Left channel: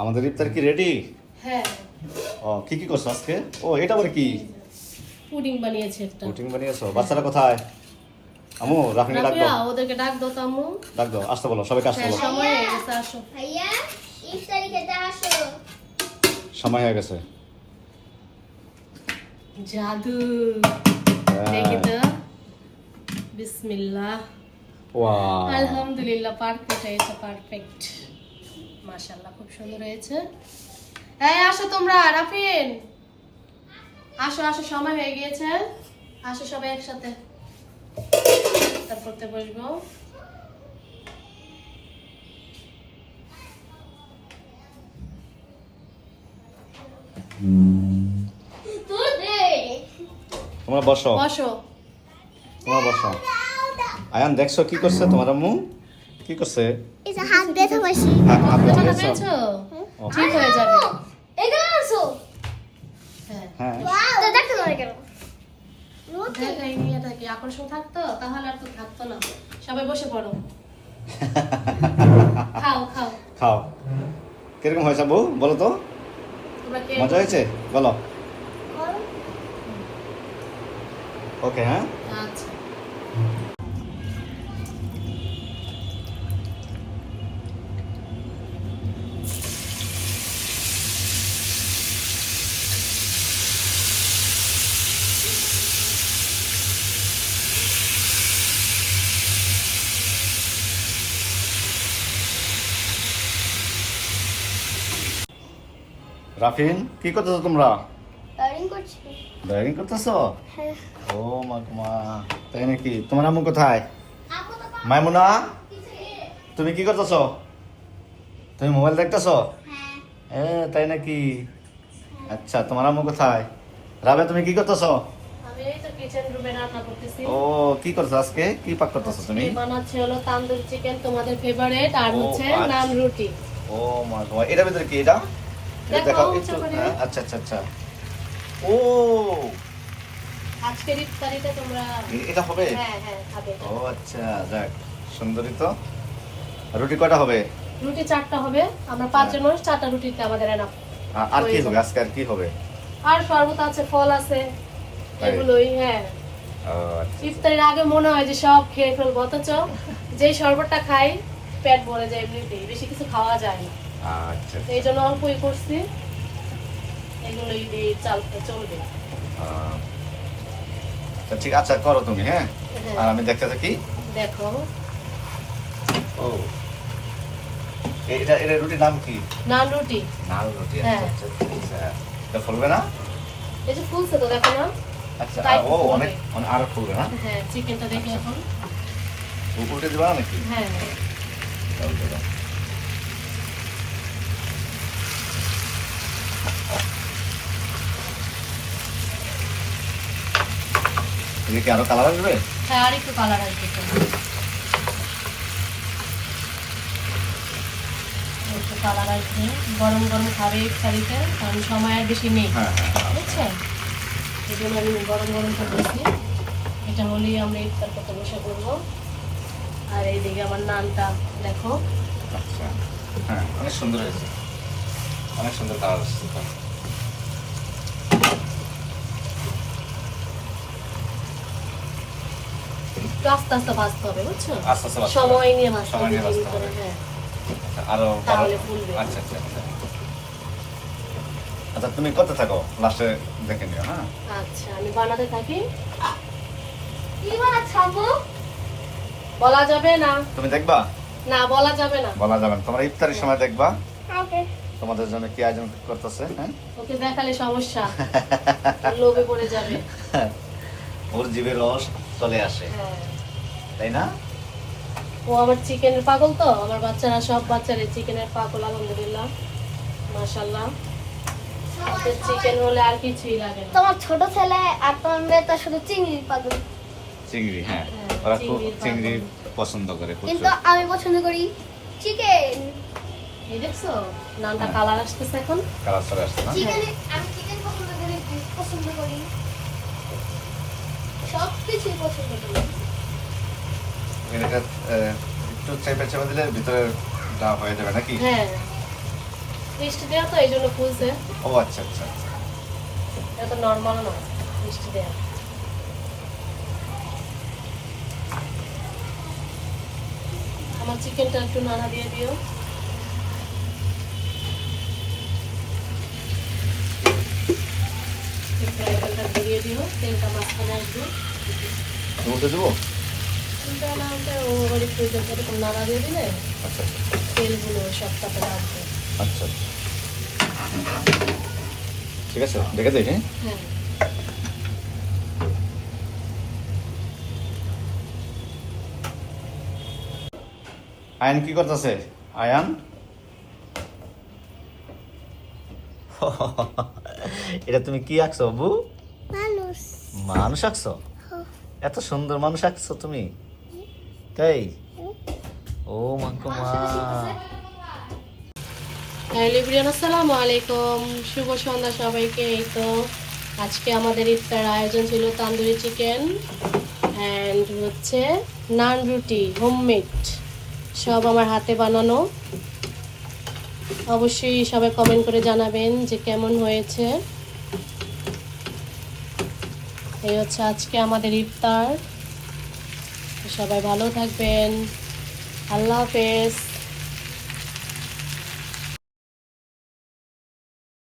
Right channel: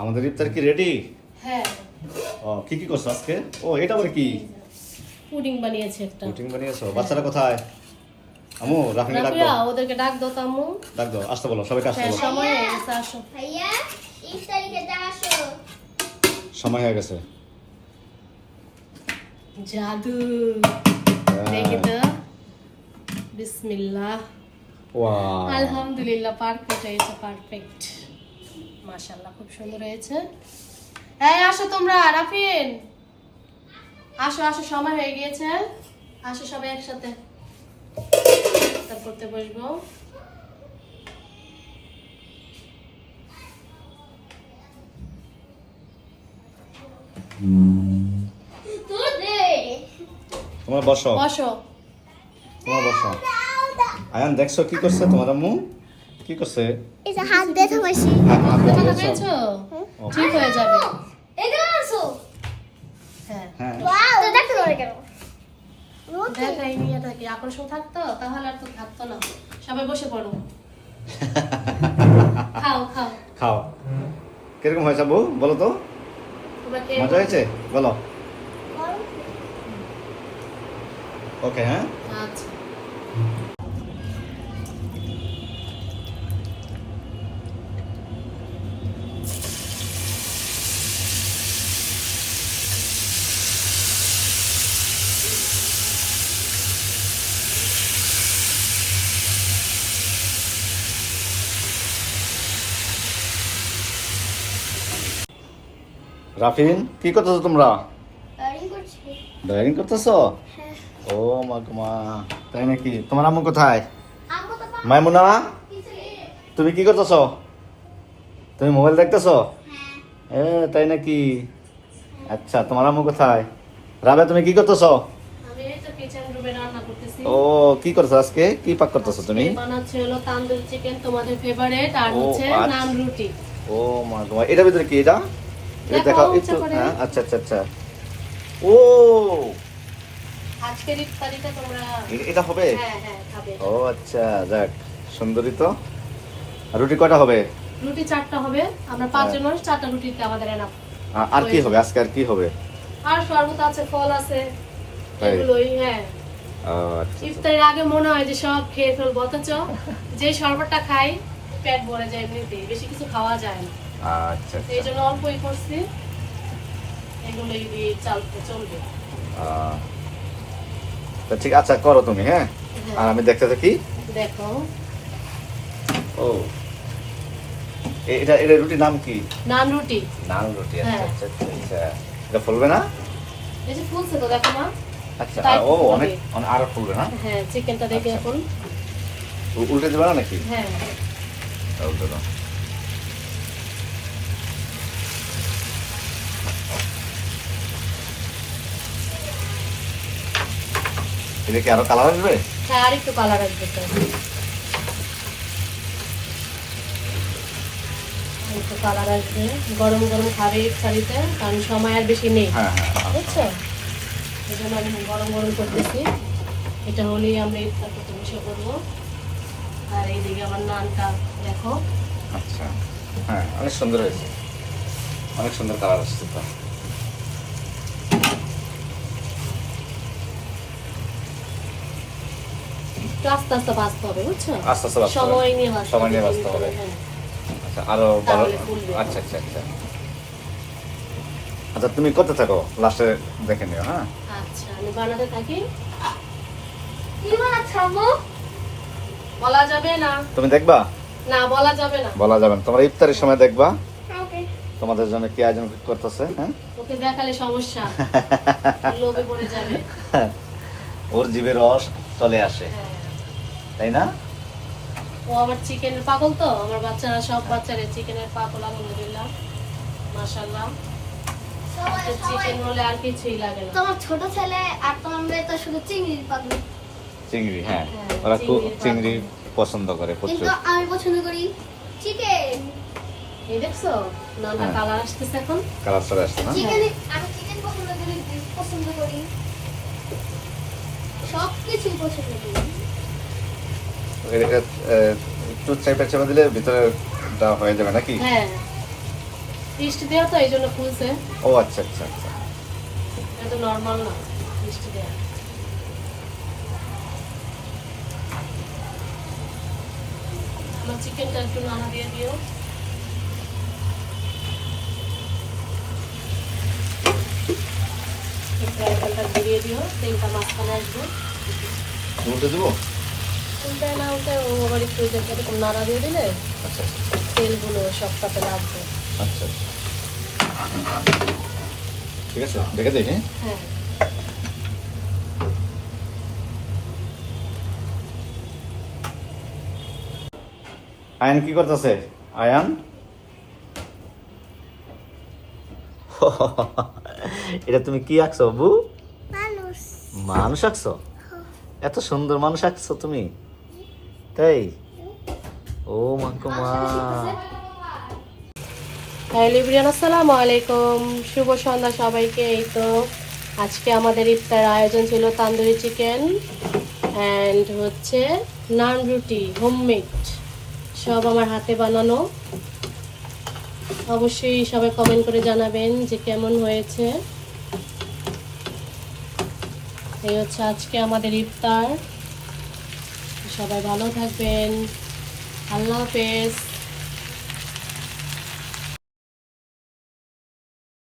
আমাদের ইফতার কি রেডি? হ্যাঁ, ও কি কি করছো আজকে? ও এটা আবার কি? পুডিং বানিয়েছে একটা। পুডিং বানিয়েছো? বাচ্চারা কোথায়? আম্মু রাফিকে ডাক রাফিয়া, দাও। ওদেরকে ডাক দাও তো আম্মু। ডাক দাও, আসতে বলো, সবাইকে আসতে হ্যাঁ, বলো। সময় হয়ে গেছে, আসো। ভাইয়া ইফতারি খেতে আসো। সময় হয়ে গেছে। জাদু। হ্যাঁ। দেখি তো। বিসমিল্লাহ। ওয়াও, আলহামদুলিল্লাহ, পারফেক্ট হয়েছে, পারফেক্ট। মাশাআল্লাহ, খুব সুন্দর হয়েছে। এই আসো তোমরা, রাফিন আসো আসো, সময় হয়ে গিয়েছে। আসো সবাই একসাথে ইফতার করতে বসবো। তুই দে। তোমরা বসো, বসো। তোমরা বসো। আয়ান দেখছো কি করছে তোমার আম্মু? কি করছে? এই যে হাত দিয়ে থামাইছি। হ্যাঁ, হাত ব্যথা দিয়েছো? পেয়েছো? ও, ঠিক হয়ে যাবে। এটা আসো। হ্যাঁ, হ্যাঁ। ওয়াও, তো দেখতে ধরে কেন? দেখাইনি, এটা কি আকর্ষণ থাকতো? তাহলে আর তো থাকতো না। সবাই বসে পড়ো, খাও খাও। খাও। কিরকম হয়েছে আব্বু বলো তো? তোমাকে মজা হয়েছে? বলো। ওকে, হ্যাঁ। আচ্ছা, রাফিন কি করতেছো তোমরা? ডাইরিং করছি। ড্রাইভিং করতেছো? হ্যাঁ। ও মা, তাই নাকি? তোমার আম্মু কোথায়? আম্মু তো মাইমুনা, তুমি কি করতেছো? তুমি মোবাইল দেখতেছো? হ্যাঁ। তাই নাকি? আচ্ছা, তোমার আম্মু কোথায়? রাবে, তুমি কি করতেছো? আমি এই তো কিচেন রুমে রান্না করতেছি। ও কি করছো আজকে? কি পাক করতেছো তুমি? আজকে বানাচ্ছি হলো তান্দুরি চিকেন, তোমাদের ফেভারিট, আর ও, হচ্ছে আচ্ছা। নান রুটি। ও মা, এটার ভিতরে কি এটা? এটা দেখাও দেখাও ইচ্ছা একটু। করে। হ্যাঁ, আচ্ছা আচ্ছা আচ্ছা। ও, আজকের ইফতারিতে তোমরা এটা হবে? হ্যাঁ হ্যাঁ খাবে। ও আচ্ছা, যাক সুন্দরী তো। রুটি কয়টা হবে? রুটি 4টা হবে। আমরা 5 জন মানুষ, 4টা রুটিতে আমাদের এনাফ। আর কি হবে আজকে? আর কি হবে? আর শরবত আছে, ফল আছে, এগুলোই। হ্যাঁ, আচ্ছা, ইফতারের আগে মনে হয় যে সব খেয়ে ফেলবো, অথচ যে শরবতটা খাই পেট ভরে যায় এমনিতেই, বেশি কিছু খাওয়া যায় না। আচ্ছা। এই জন্য অল্পই করছি, এগুলোই দিয়ে চলবে। তো ঠিক আছে, করো তুমি। হ্যাঁ, হ্যাঁ। আর আমি দেখতে থাকি। দেখো, ও, এটা এটা রুটির নাম কি? নান রুটি। নান রুটি। হ্যাঁ। আচ্ছা আচ্ছা, আচ্ছা। এটা ফুলবে না? এই যে ফুলছে তো, দেখো না? আচ্ছা, তাই ও ফুলবে। অনেক আরো ফুলবে না? হ্যাঁ, চিকেনটা দেখে এখন। উল্টে দেবে না নাকি? হ্যাঁ, উল্টে দাও। এটা কি আরো কালার আসবে? হ্যাঁ, আর একটু কালার আসবে তো। একটু কালার আসবে, গরম গরম খাবে ইফতারিতে, কারণ সময় আর বেশি নেই, হ্যাঁ। বুঝছেন? এই জন্য আমি গরম গরম করতেছি। এটা হলেই আমরা ইফতার করতে বসে পড়বো। আর এইদিকে আমার নানটা দেখো। আচ্ছা, হ্যাঁ, অনেক সুন্দর হয়েছে, অনেক সুন্দর কালার আসছে তো। একটু আস্তে আস্তে ভাজতে হবে, বুঝছো? আস্তে আস্তে ভাজতে হবে। সময় নিয়ে ভাজতে সময় হবে, নিয়ে ডিম ভাজতে করে। হবে। হ্যাঁ, আরো ভালো। তাহলে ফুলবে। আচ্ছা আচ্ছা আচ্ছা। আচ্ছা, তুমি করতে থাকো, লাস্টে দেখে নিও। হ্যাঁ, আচ্ছা, আমি বানাতে থাকি। কি বানাচ্ছ আম্মু? বলা যাবে না, তুমি দেখবা? না বলা যাবে না। বলা যাবে না। তোমরা ইফতারের সময় দেখবা ওকে। তোমাদের জন্য কি আয়োজন করতেছে। হ্যাঁ, ওকে দেখালে সমস্যা, লোভে পড়ে যাবে। ওর জিভের রস চলে আসে, হ্যাঁ। তাই না? ও আমার চিকেনের পাগল তো, আমার বাচ্চারা সব বাচ্চারা চিকেনের পাগল, আলহামদুলিল্লাহ, মাশাআল্লাহ। চিকেন হলে আর কিছুই লাগে না। তোমার ছোট ছেলে আর তোমার মেয়ে তো শুধু চিংড়ি পাগল, চিংড়ি, হ্যাঁ, হ্যাঁ, ওরা খুব চিংড়ির চিংড়ি পাতুরি। পছন্দ করে কিন্তু প্রচুর। আমি পছন্দ করি চিকেন। এই দেখছো নানটা কালার আসতেছে এখন। কালার চলে আসছে না? চিকেন আমি চিকেন পছন্দ করি, beef পছন্দ করি, সব কিছুই পছন্দ করি। এটাকে একটু চেপে চেপে দিলে ভিতরেটা হয়ে যাবে নাকি? হ্যাঁ, মিষ্টি দেওয়া তো এই জন্য খুলছে। ও আচ্ছা আচ্ছা আচ্ছা। এটা তো নর্মাল না, মিষ্টি দেওয়া। আমার চিকেনটা একটু নাড়া দিয়ে দিও। ফ্রাইপ্যানটা ঘুরিয়ে দিও, তেলটা মাঝখানে আসবে। বলতে দেবো? তেলটা না হলে ও আবার একটু এরকম নাড়া দিয়ে দিলে আচ্ছা আচ্ছা তেলগুলো সবটাতে লাগবে। আচ্ছা। ঠিক আছে, দেখে দিই। হ্যাঁ হ্যাঁ, আয়ান কি করতেছে? আয়ান এটা তুমি কি আঁকছো বাবু? মানুষ। মানুষ আঁকছো? এত সুন্দর মানুষ আঁকছো তুমি? তাই? ও মাকে মা। হ্যাঁ লিব্রিয়ান, আসসালামু আলাইকুম, শুভ সন্ধ্যা সবাইকে। এই তো আজকে আমাদের ইফতার আয়োজন ছিল তান্দুরি চিকেন অ্যান্ড হচ্ছে নান রুটি, হোমমেড, সব আমার হাতে বানানো। অবশ্যই সবাই কমেন্ট করে জানাবেন যে কেমন হয়েছে। এই হচ্ছে আজকে আমাদের ইফতার। সবাই ভালো থাকবেন, আল্লাহ হাফেজ।